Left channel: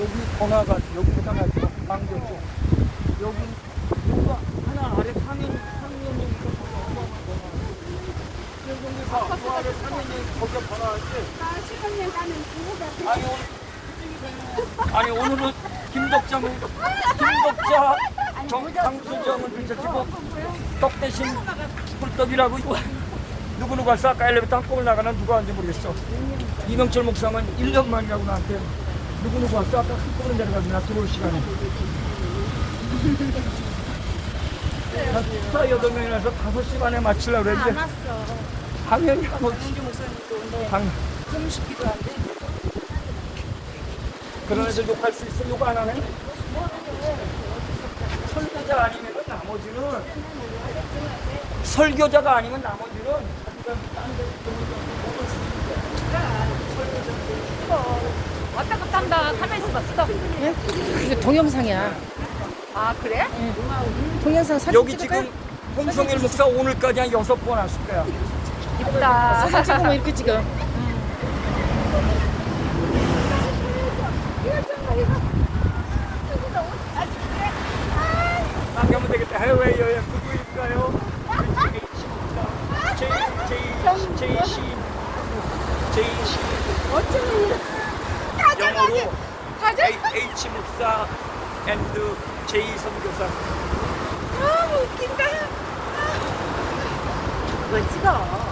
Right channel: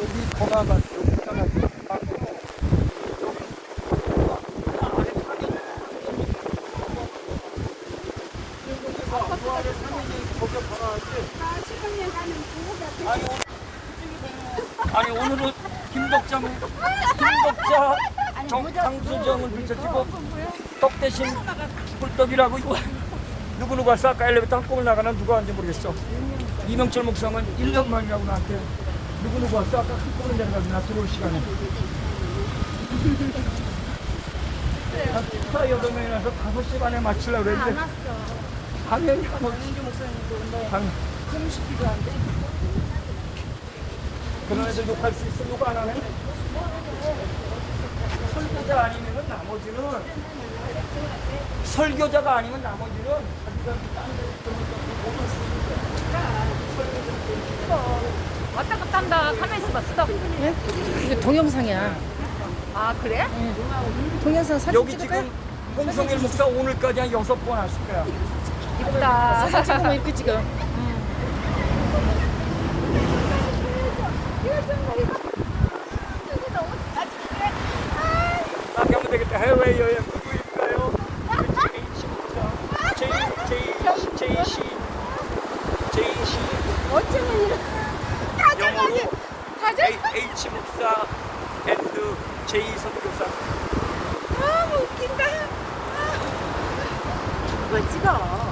여기 번화가 여기 번화가 방금 여기 아래 상인 상인에서 그 아래 상인이 거기 번화가지 아, 시간을 나는 그거가 아니 오늘 아니 오늘은 김덕자 뭐 김덕자 정상수전은 비춰지고 떡 대신 꿀떡이라고 이거 누구 누가 왔어? 아까 엘리베이터 한꺼번에 나가는 누가 왔는지 모르겠어. 이명철 목사만 1년 만이라고 나한테 누구 누구 왔어 아까 한꺼번에 내려가서 나 들어올 시간에. 자 여덟 명이라서 다섯 시 반에 마치려고 그랬는데. 당연히 안 오지. 당연 그런 애들도 할수 있어. 요거 안 하네? 설교자 아니면 나머지는 설교자가 아니면 나머지는 왔다 갔다 한다 가만히 있 어봐 스톱 예? 이게 동영상이야. 아 그래? 동영상 사진 여기 찍을까요? 지금 홍성일 목사 오늘까지 한 여섯 번 왔을 거야 이쁘다 사진 찍으면 이렇게 찍어. 나게 하면 되겠다 해외 여행 누구일까요? 제이 제이 제이 씨 제이 씨 영어로 가자. H 목사 앤드 제이 선교사 아, 웃긴다. 왜 찍어